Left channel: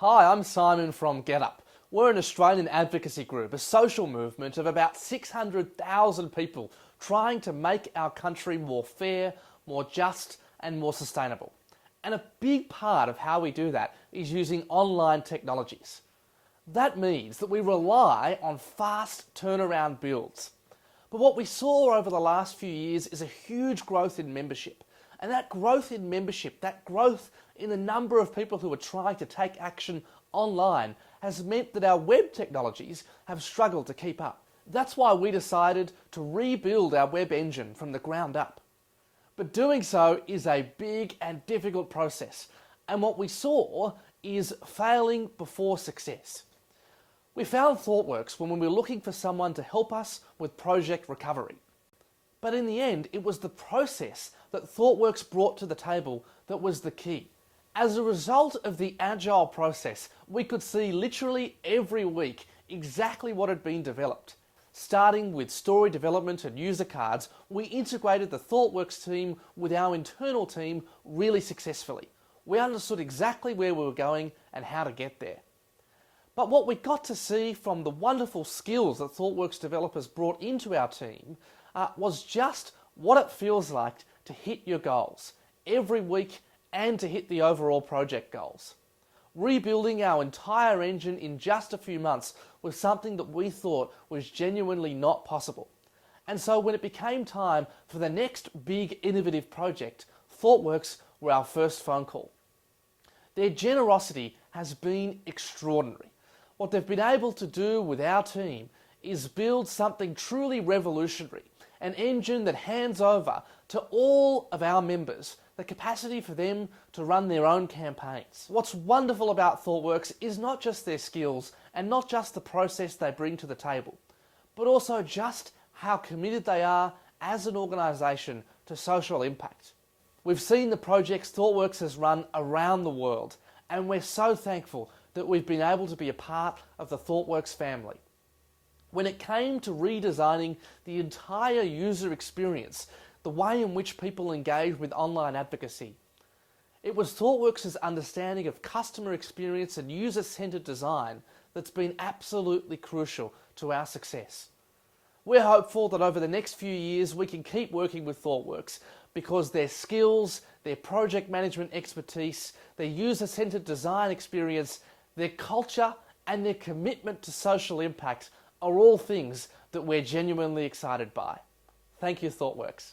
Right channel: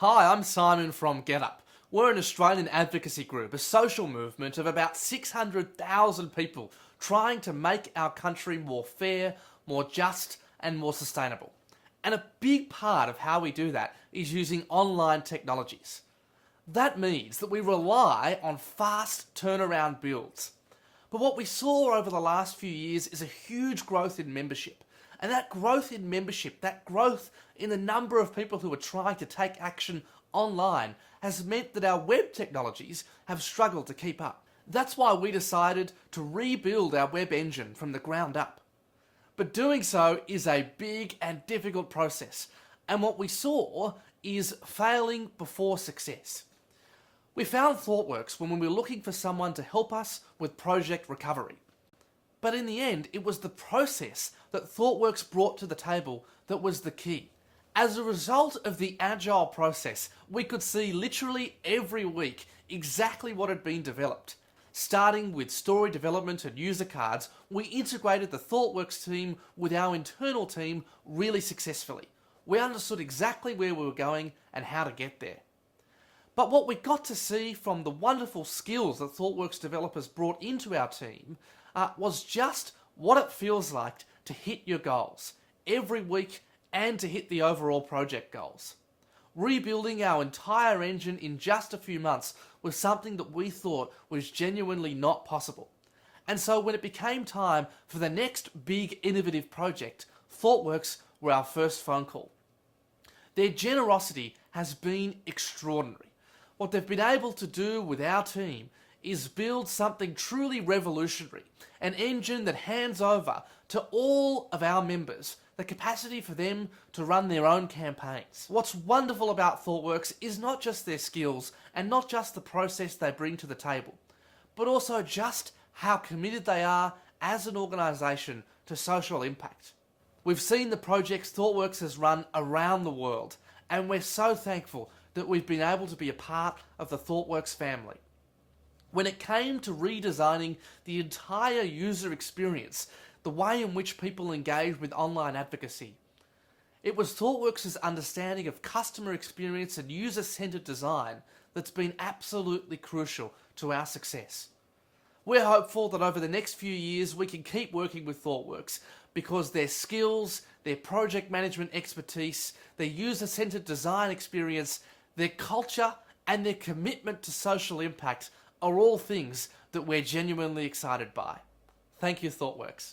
Hi, I'm Simon from GetUp. We're an Australian advocacy group, a social movement of about 600,000 people trying to make our country more fair, more just and more sustainable. And a big part of how we do that is using online technologies. That means that we rely on fast turnaround builds. But what we saw over the last few years is a huge growth in membership. And that growth in membership, that growth in the number of people who are trying to take action online has meant that our web technologies have struggled to keep up. That's why we decided to rebuild our web engine from the ground up. But doing so is a big and difficult process. And what we saw is failing before success. We found ThoughtWorks when we were looking for someone to help us with project recovery. But in the end, it was the process that ThoughtWorks brought to the table that was the key. As a result of the agile process, we could see literally every week exactly what had been developed. Starting with story development and user cards, we integrated the ThoughtWorks team with our internal team really successfully. We understood exactly where we were going and how to get there. But what we got to see from the wonderful skills that ThoughtWorks developers brought into our team was just what it feels like to hit your goals every week and to hit the overall project goals. Rebuilding our entire engine in just a few months was something that we thought was genuinely not possible. And so when it became time for the next big innovative project, ThoughtWorks were our first phone call. Their generosity has been extraordinary. What they've been able to do with our team is build something truly revolutionary, an engine that hands over to all of our members the capacity for them to run their own campaigns. What's wonderful about ThoughtWorks is not just their skills and not just the process they bring to the table, but also just how committed they are as an organisation to social impact. We've seen the projects ThoughtWorks has run around the world, and we're so thankful that we've been able to be a part of the ThoughtWorks family. When it came to redesigning the entire user experience, the way in which people engage with online advocacy, it was ThoughtWorks' understanding of customer experience and user-centered design that's been absolutely crucial to our success. We're hopeful that over the next few years we can keep working with ThoughtWorks because their skills, their project management expertise, their user-centered design experience, their culture and their commitment to social impact are all things that we're genuinely excited by. Thank you, ThoughtWorks.